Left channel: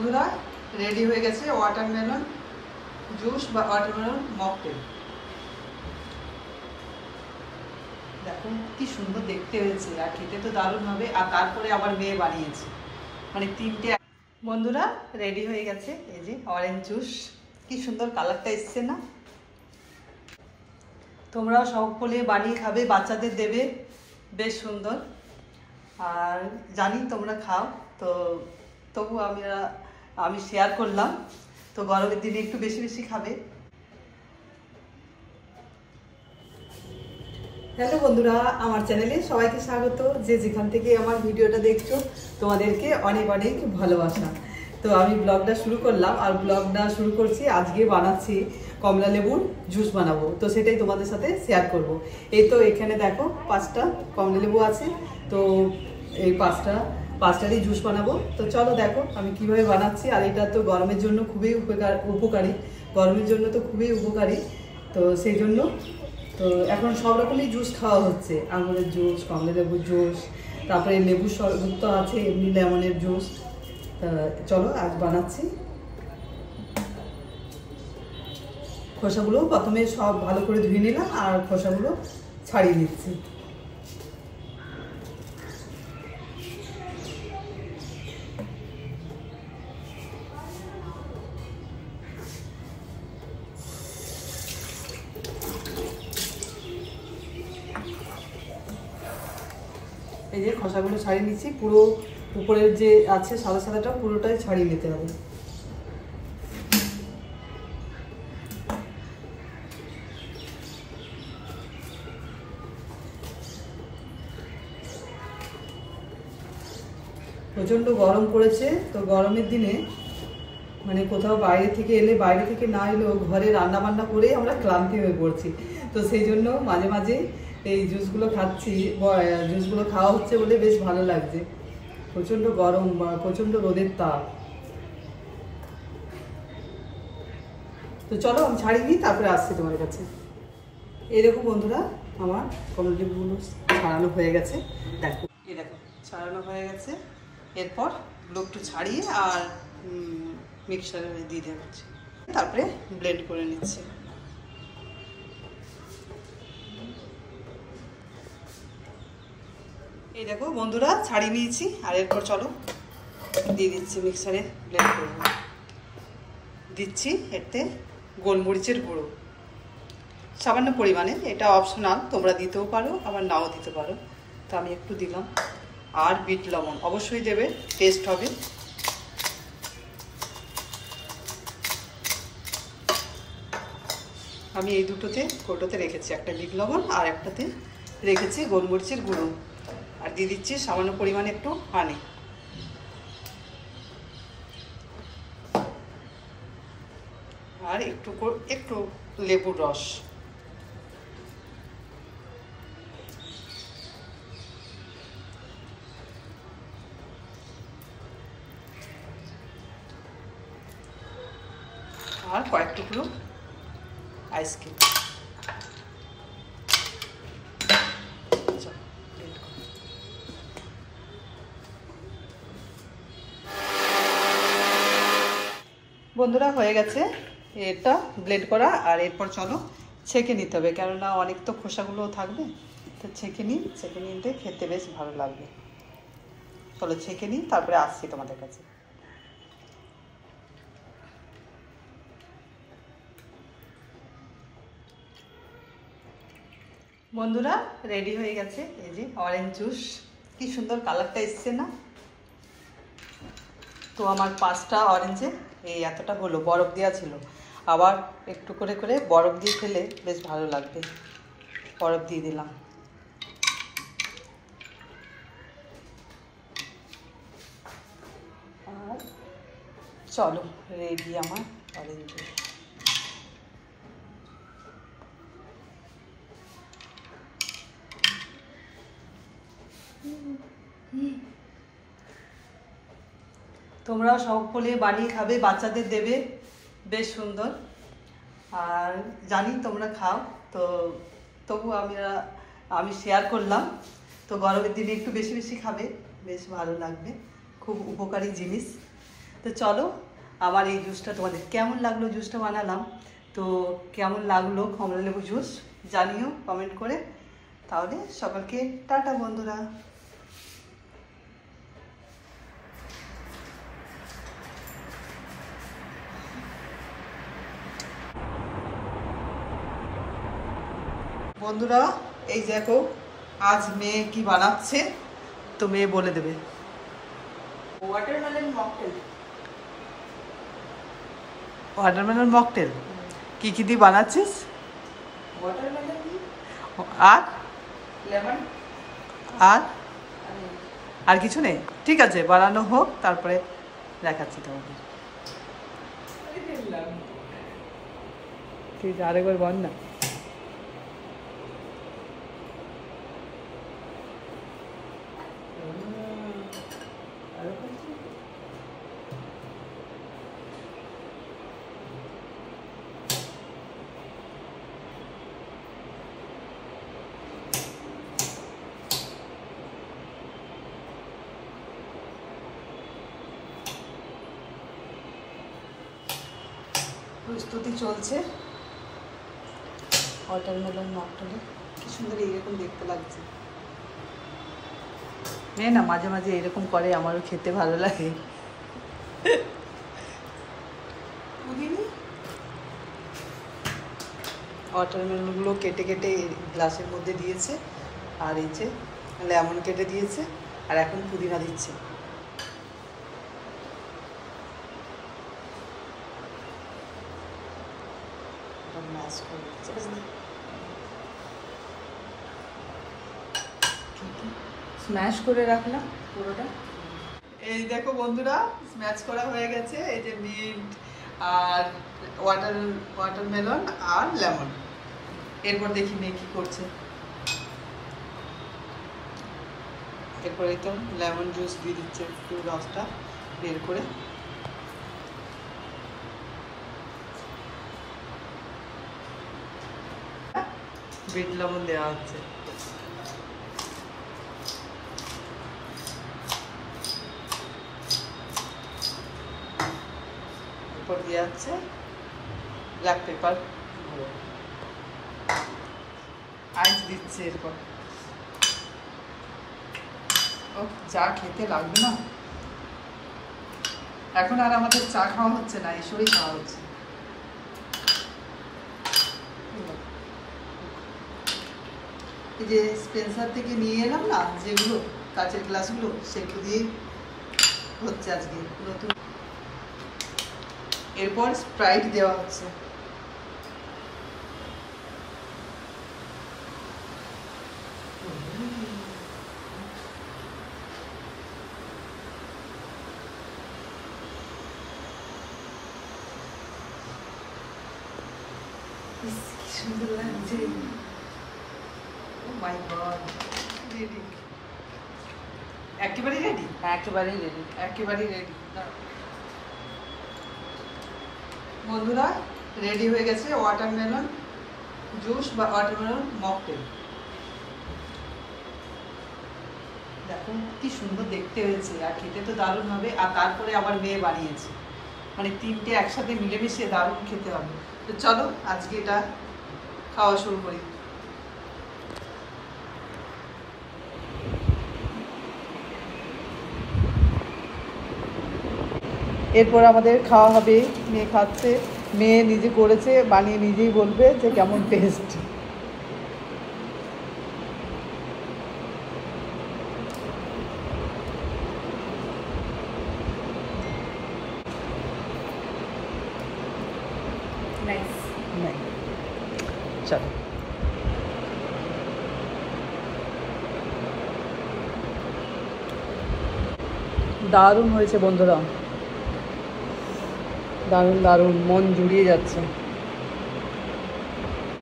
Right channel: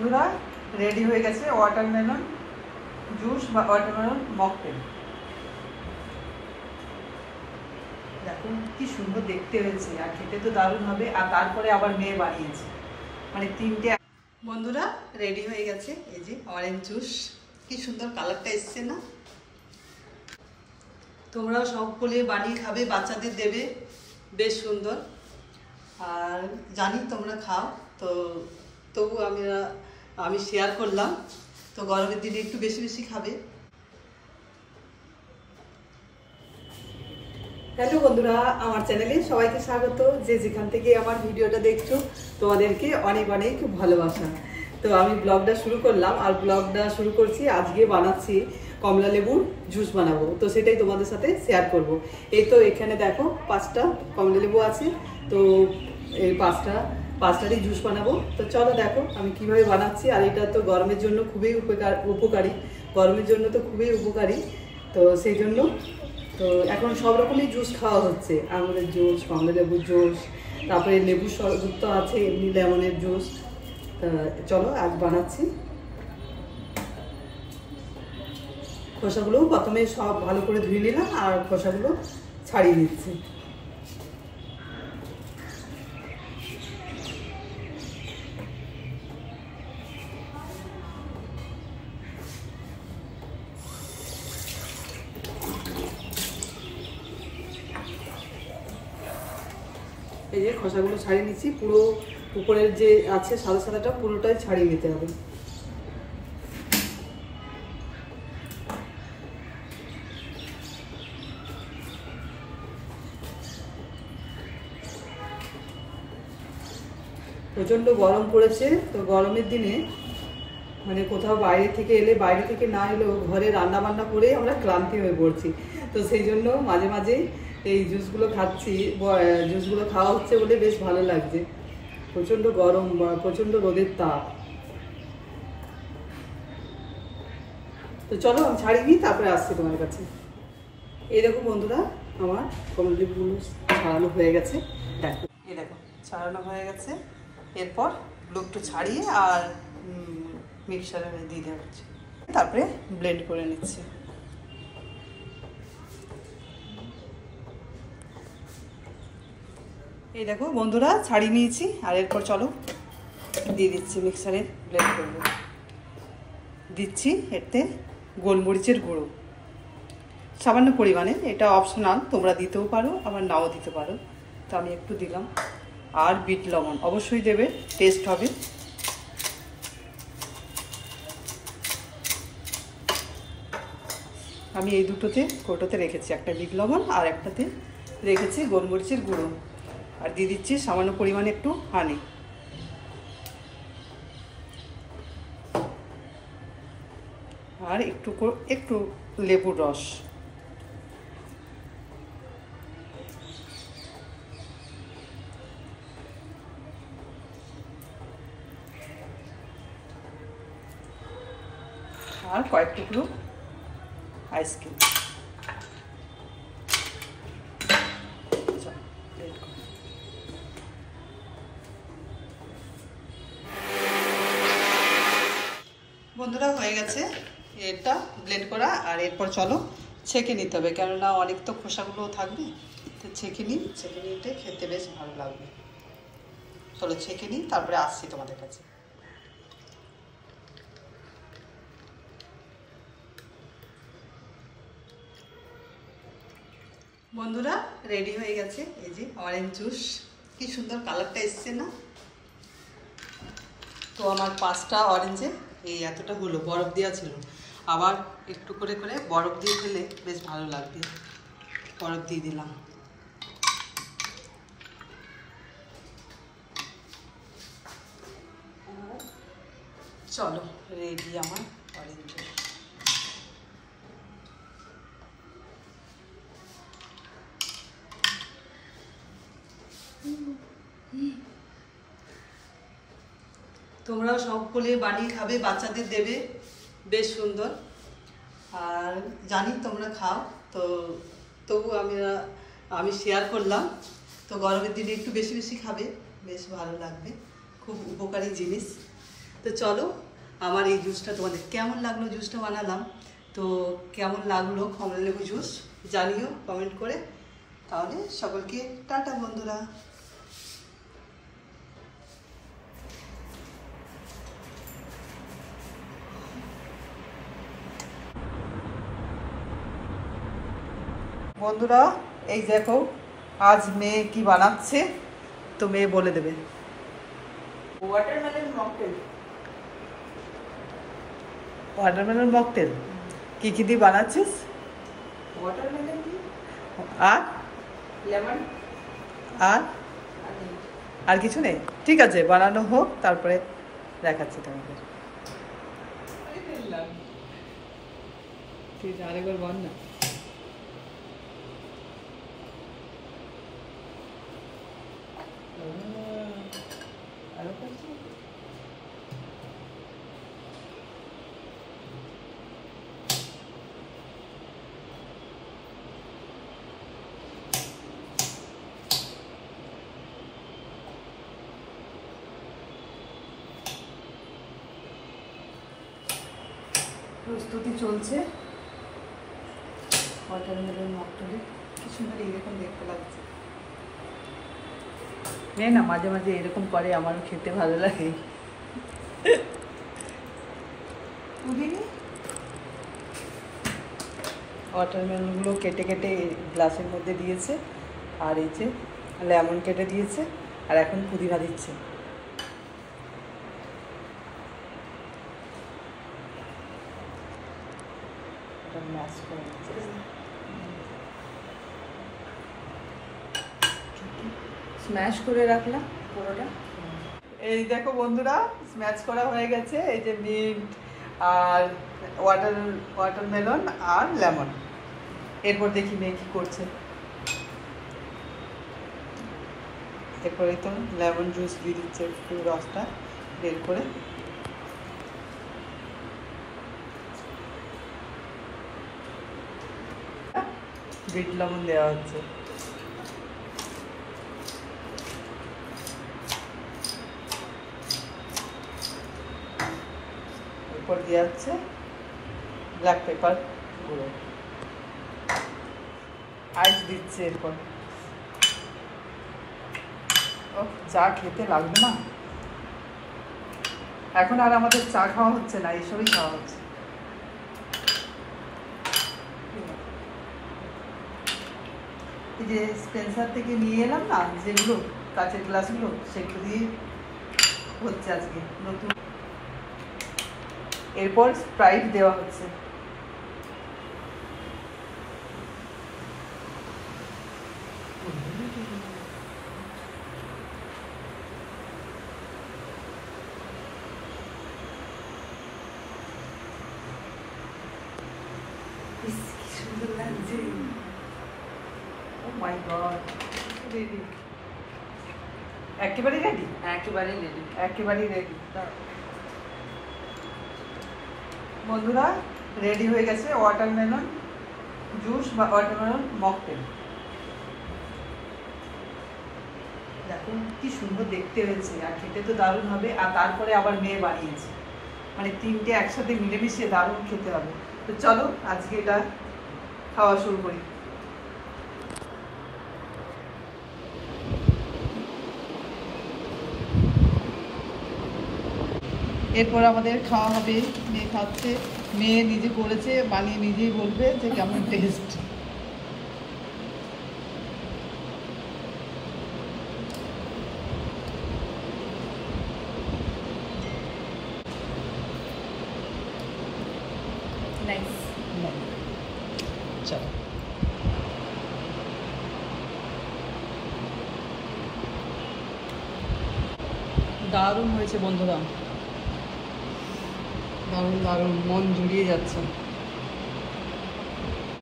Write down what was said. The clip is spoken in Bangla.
বন্ধুরা রেডি হয়ে গেছে ওয়াটারমেলন জুস বা ওয়াটারমেলন মকটেল। দেখো কি সুন্দর দেখতে হয়েছে আর খেতে তো দারুণ হবে। আর তারপরে আবার মেয়ে বানিয়েছে, মানে তিনটে। বন্ধুরা রেডি হয়ে গেছে, এই যে অরেঞ্জ জুস, কি সুন্দর কালারটা এসছে না? তোমরাও সকলে বানিয়ে খাবে, বাচ্চাদের দেবে, বেশ সুন্দর। আর জানি তোমরা খাও, তো তবু আমি শেয়ার করলাম। তো গরমের দিনে একটু বেশি বেশি খাবে। হ্যালো বন্ধুরা, আমার চ্যানেলে সবাইকে স্বাগত। যে যেখান থেকে আমার ভিডিওটা দেখছো তোমাদেরকে অনেক অনেক ভালোবাসা। তো আমি ব্লগটা শুরু করলাম, আর ব্লগটা শুরু করছি আজকে বানাচ্ছি কমলা লেবুর জুস বানাবো। তো সেটাই তোমাদের সাথে শেয়ার করব। এই তো এখানে দেখো 5টা কমলা লেবু আছে, তো এই পাঁচটারই জুস বানাবো। তো চলো দেখো আমি কিভাবে বানাচ্ছি। আর এটা তো গরমের জন্য খুবই উপকারী, গরমের জন্য তো খুবই উপকারী। তো সেই জন্য তো এখন সব রকমই জুস খাওয়া হচ্ছে, আঙুরের জুস, কমলা লেবুর জুস, তারপরে লেবুর শরবত তো আছে, এমনি লেমনের জুস। চলো আজ বানাচ্ছি। খোসাগুলো প্রথমে সব ভালো করে ধুয়ে নিলাম আর খোসাগুলো ছাড়িয়ে নিচ্ছি। এই যে খোসাগুলো ছাড়িয়ে নিচ্ছি, পুরো উপরের যে আছে সাদা সাদাটা পুরোটাই ছাড়িয়ে নিতে হবে। প্রচণ্ড গরম পড়েছে, তো গরমের দিনে মানে কোথাও বাইরে থেকে এলে, বাইরে থেকে না এলেও ঘরে রান্না বান্না করে আমরা ক্লান্তি হয়ে পড়ছি। তো সেই জন্য মাঝে মাঝে এই জুসগুলো খাচ্ছি, জুসগুলো খাওয়া হচ্ছে বলে বেশ ভালো লাগছে। প্রচণ্ড গরম, প্রচণ্ড রোদের তাপ। তো চলো আমি ছাড়িয়ে নিই, তারপরে আসছি তোমার কাছে। এই দেখো বন্ধুরা, আমার কমলা লেবুগুলো ছাড়ানো হয়ে গেছে। দেখো এই দেখো ছাড়ানো হয়ে গেছে। এরপর এগুলো একটু ছাড়িয়ে আর মিক্সারে দিয়ে দেওয়া হচ্ছে, তারপরে ব্লেন্ড করে নিচ্ছি। এই দেখো বন্ধুরা ছাড়িয়ে নিয়েছি, আর এরপর চলো দিয়ে দিচ্ছি মিক্সারে ব্লেন্ড করব। দিচ্ছি এতে গোলমরিচের গুঁড়ো সামান্য পরিমাণে, এটা অপশনাল, তোমরা দিতেও পারো আবার নাও দিতে পারো। তো আমি একটু দিলাম। আর বিট লবণ অবশ্যই দেবে, টেস্ট হবে। আমি এই দুটোতে কৌটোতে রেখেছি, একটা বিট লবণ আর একটাতে রেখেছি গোলমরিচের গুঁড়ো। আর দিয়ে দিচ্ছি সামান্য পরিমাণে একটু হানি। আর একটু লেবুর রস। আর কয়েক টুকরো আইসক্রিম। বন্ধুরা হয়ে গেছে এটা ব্লেন্ড করা। আর এরপর চলো ছেঁকে নিতে হবে, কেননা অনেক তো খোসাগুলোও থাকবে। তো ছেঁকে নিতে খেতে বেশ ভালো লাগবে। চলো ছেঁকে নিই, তারপরে আসছি তোমাদের কাছে। বন্ধুরা রেডি হয়ে গেছে, এই যে অরেঞ্জ জুস, কি সুন্দর কালারটা এসছে না? তো আমার 5টা অরেঞ্জে এই এতটা হলো, বরফ দেওয়া ছিল। আবার একটু করে করে বরফ দিয়ে খেলে বেশ ভালো লাগবে। বরফ দিয়ে দিলাম। চলো রেডি আমার অরেঞ্জ জুস। তোমরা সকলে বানিয়ে খাবে, বাচ্চাদের দেবে, বেশ সুন্দর। আর জানি তোমরা খাও, তো তবু আমি শেয়ার করলাম। তো গরমের দিনে একটু বেশি বেশি খাবে, বেশ ভালো লাগবে, খুব উপকারী জিনিস। তো চলো আমার এই জুসটা তোমাদের কেমন লাগলো, জুসটা বানালাম তো কেমন লাগলো কমলা লেবু জুস জানিও কমেন্ট করে। তাহলে সকলকে টাটা বন্ধুরা। বন্ধুরা এই দেখো আজ মেয়ে কি বানাচ্ছে, তো মেয়ে বলে দেবে। Watermelon mocktail. ওয়াটারমেলন মকটেল কি কি দিয়ে বানাচ্ছিস? ওয়াটারমেলন দিয়ে আর লেমন আর আর কিছু নেই? ঠিক আছে বানানো হোক, তারপরে দেখাচ্ছি তোমাকে। ঠিক আছে আরেকবার বল না। প্রস্তুতি চলছে ওয়াটারমেলন মকটেলে। কি সুন্দর এইরকম দেখতে লাগছে। মেয়ে না মাঝে মাঝে এরকম করে, আমারও খেতে ভালো লাগে। ওয়াটারমেলনগুলো কেটে কেটে গ্লাসের মধ্যে দিয়েছে, আর এই যে লেমন কেটে দিয়েছে, আর এখন পুদিনা দিচ্ছে। ম্যাশ করে দিচ্ছে। স্ম্যাশ করে রাখলাম পুরোটা। এই দেখো বন্ধুরা স্ম্যাশ করা হয়ে গেছে। এই যে মিন্ট আর ওয়াটারমেলন আর লেমন। এরপর দেখি মেয়ে কি করছে। এরপরে তো লেমন জুস দিয়ে দিচ্ছে, একটু রসটা বের করে। বিট লবণ দেওয়া হচ্ছে। এরপর দেওয়া হচ্ছে ব্ল্যাক পেপার গুঁড়ো, আইস দিচ্ছে। এরপর ও চা খেতে লাগবে না, এখন আর আমাদের চা খাওয়া হচ্ছে না, এইসবই খাওয়া হচ্ছে। এই যে স্পেন্সার থেকে নিয়ে এলাম না যেগুলো কাচের গ্লাসগুলো, সেগুলো দিয়ে হচ্ছে আজকে নতুন। এরপর স্প্রাইট দেওয়া হচ্ছে। সুন্দর লাগছে। ও মাই গড, রেডি, একেবারে রেডি, একেবারেই রেডি। একেবারেই রেডি। বন্ধুরা রেডি হয়ে গেছে ওয়াটারমেলন জুস বা ওয়াটারমেলন মকটেল। দেখো কি সুন্দর দেখতে হয়েছে, আর খেতে তো দারুণ হবে। আর তারপরে আবার মেয়ে বানিয়েছে, মানে তিনটে একসাথে মিলেমিশে দারুণ খেতে হবে। তো চলো আজকে এটা খাওয়া শুরু করি। এরপর আমাদের খাওয়া হবে। মেয়ে খাচ্ছে, মেয়ে নিজে করেছে, বানিয়ে নিজেই বলবে যে কেমন টেস্ট। চলো দারুণ হয়েছে বন্ধুরা, দারুণ দারুণ, মন জুড়িয়ে যাচ্ছে।